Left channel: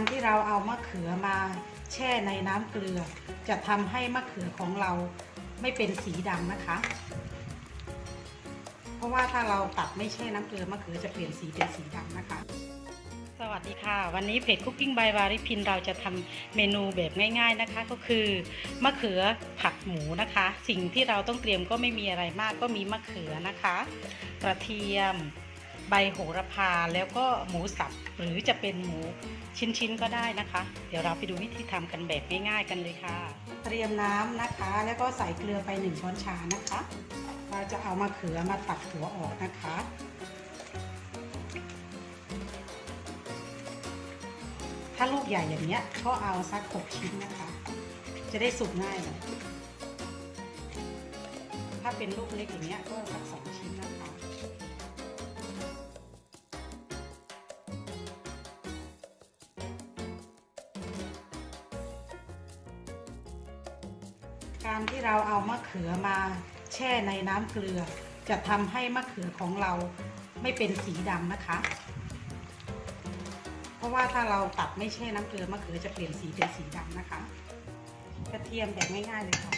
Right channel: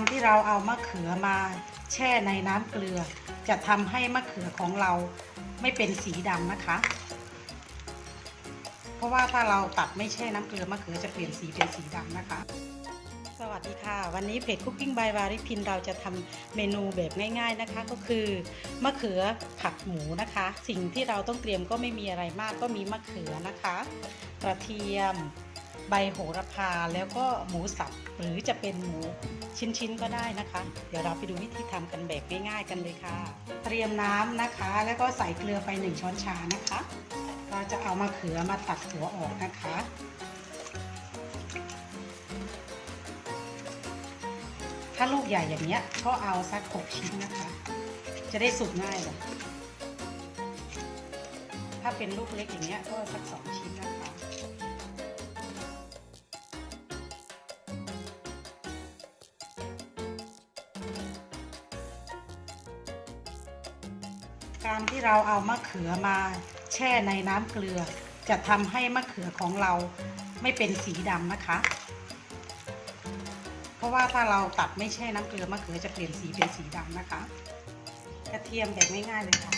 การที่เราเอามะเขือมาแช่ในน้ำเกลือ จะทำให้มะเขือของเราไม่เป็นสีดำนะคะ เพราะว่าถ้าเราตัดไม่แช่น้ำเกลือมะเขือจะเปลี่ยนสีเป็นสีดำนะคะ สวัสดีค่ะ วันนี้เพจ Cooking by วาริพินเราจะทำเมนูแบบง่าย ๆนะคะ ก็คือมะเขือผัดหมูนะคะ สิ่งที่เราต้องเตรียมก็ไม่มีอะไรมากก็มีมะเขือนะคะ กระเทียม ใบโหระพาแล้วก็หมูสับหรือจะเป็นหมูชิ้นๆก็ได้นะคะ เดี๋ยวเราไปดูวิธีทำกันแบบง่ายๆกันเลยค่ะ เตรียมน้ำนะคะ แล้วก็ใส่เกลือไป 1 ช้อนชานะคะ เราจะเอามะเขือมาตัดหัวออกนะคะถ้าลูกใหญ่อย่างเนี้ยก็เอาสักหกชิ้นนะคะ จะได้สุกง่ายเลยถ้าเป็นลูกเล็กอย่างเนี้ยก็สักสองชิ้นนะคะ การที่เราเอามะเขือมาแช่ในน้ำเกลือ จะทำให้มะเขือของเราไม่เป็นสีดำนะคะ เพราะว่าถ้าเราตัดไม่แช่น้ำเกลือมะเขือจะเปลี่ยนสีเป็นสีดำนะคะ กระเทียมแบบง่ายๆเลยค่ะ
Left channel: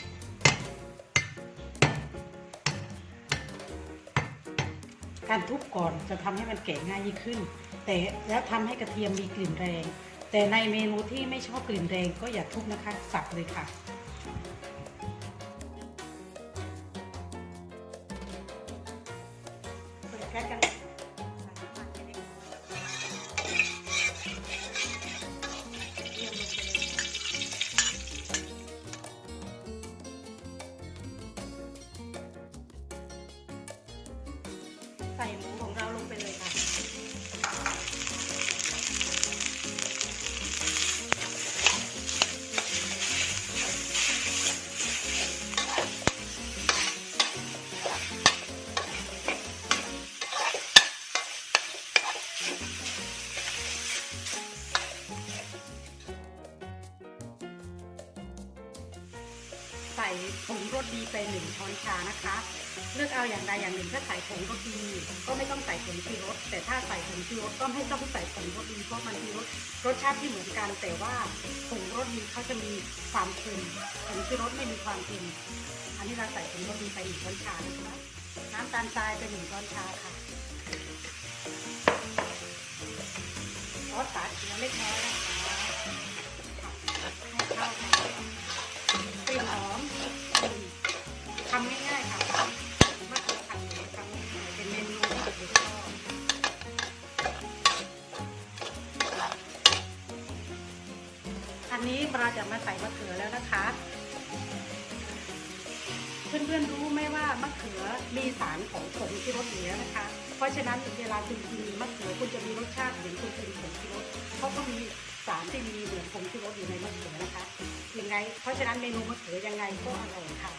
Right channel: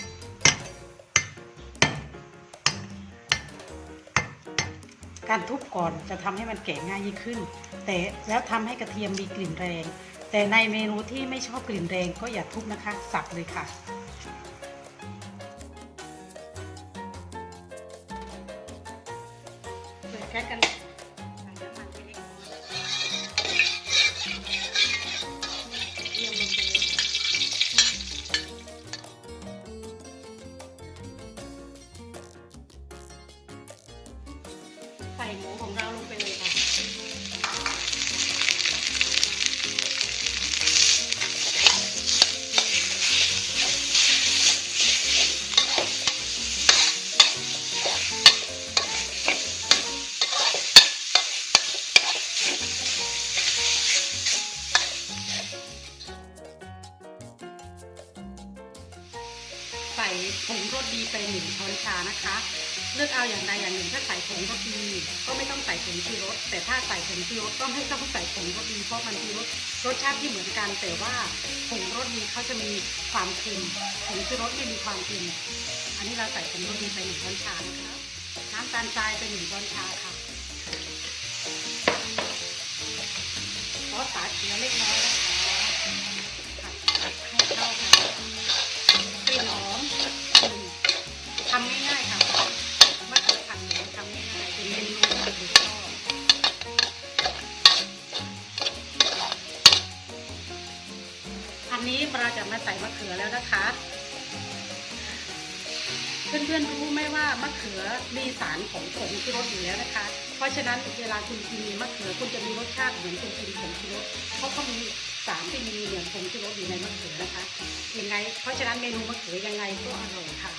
การทุบก่อนจะทำให้มันแกะง่ายยิ่งขึ้น แต่แล้วทำให้กระเทียมมีกลิ่นแรง แต่ในเมนูที่ไม่ชอบกลิ่นแรงก็อย่าทุบนะคะ สับเลยค่ะ ปเลยใส่หมูของเรา ส่ผงรสดีไปหนึ่งช้อนชานะคะ เลือกเอาอย่างใดอย่างหนึ่งถ้าใส่ผงรสดีก็ไม่ต้องใส่ผงชูรส แต่ถ้าใส่ผงชูรสก็ไม่ต้องใส่ผงรสดีเพราะมันมีรสรสชาติที่เหมือนกัน แต่ว่าผงรสดีเขาจะมีความเค็มผงชูรสไม่มีความเค็มอันนี้เราใส่ผงรสดีไปหนึ่งช้อนชานะคะน้ำตาลทรายไปหนึ่งช้อนชาค่ะซอสฝาเขียวเล็กน้อยนะคะ นนี้เราจะมาใส่มะเขือแล้วนะคะ เพื่อนๆรู้ไหมว่ามะเขือมีสารของผงชูรสอยู่แล้วนะคะ เพราะฉะนั้นเวลาคุณกินมะเขือคุณจะมีรสชาติเหมือนคุณกินผงชูรสเพราะเขามีสารที่มีเหมือนผงชูรสอยู่ในมะเขือนะคะยังไง เพราะฉะนั้นเมนูมะเขือยังไงก็อร่อยค่ะ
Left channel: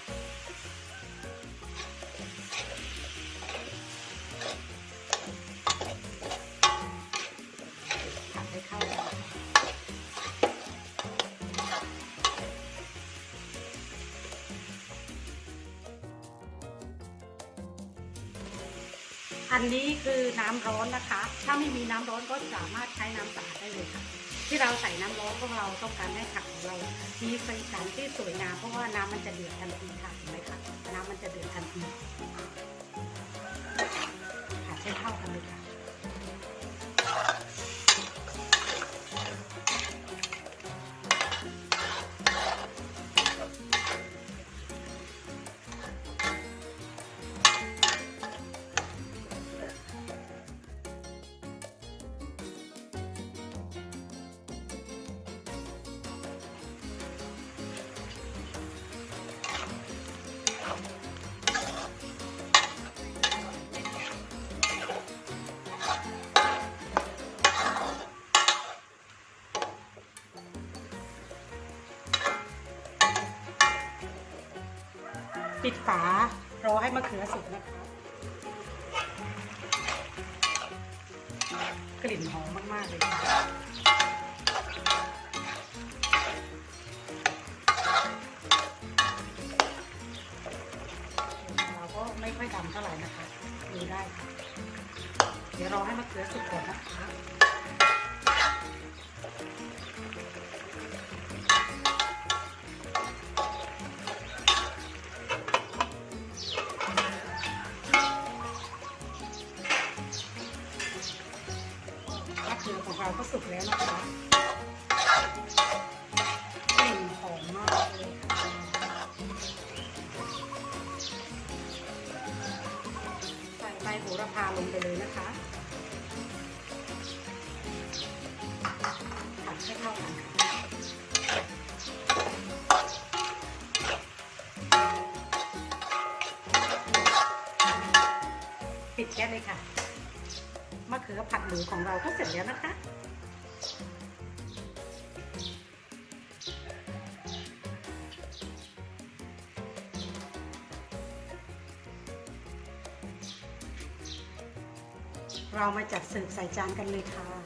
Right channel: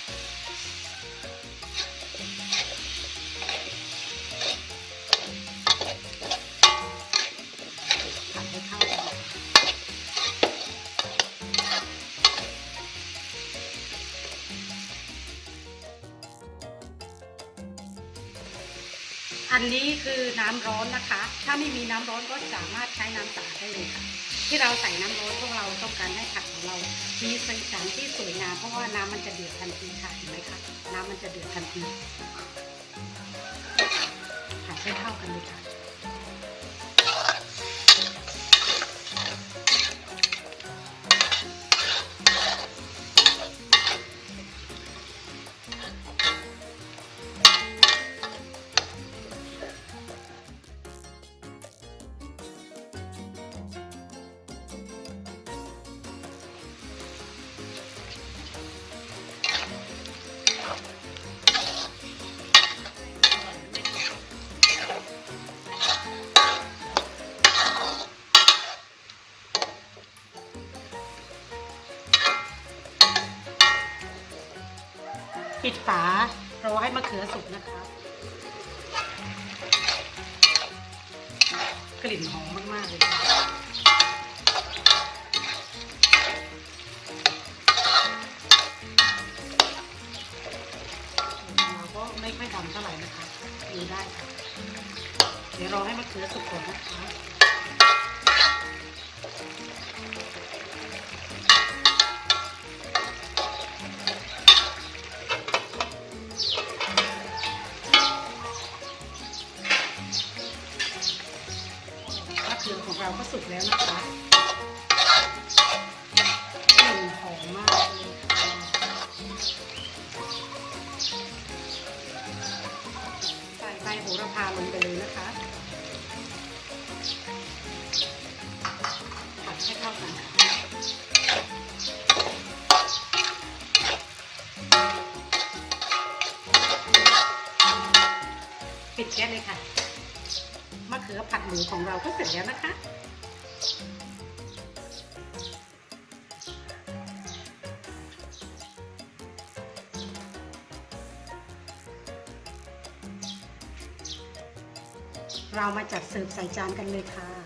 อันนี้คือน้ำร้อนนะคะ ถ้าไม่มีน้ำร้อนก็สามารถใช้น้ำสะอาดได้เลยค่ะ ที่เราใส่น้ำร้อนเพราะเราต้องการให้ผักของเรา มีสีสันที่สวยงามเพราะว่าน้ำมันจะเดือดทันทีค่ะเห็นไหมคะน้ำมันจะเดือดทันทีผัดให้เข้ากันเลยค่ะ ปิดฝารอให้มะเขือสุกนะคะกลิ่นหอมมาก ๆ เลยค่ะเราก็ไม่ค่อยดำเท่าไหร่นะคะดูได้ค่ะ เดี๋ยวรอให้มะเขือสุกก่อนนะคะ ก็สุกแล้วนะคะกลิ่นหอมมากเลยค่ะใส่ใบโหระพาลงไปเลยนะคะผัดให้เข้ากันปิดแก๊สเลยค่ะ มะเขือผัดหมูของเราก็เสร็จแล้วนะคะ เรามาจัดเสิร์ฟใส่จานกันเลยค่ะ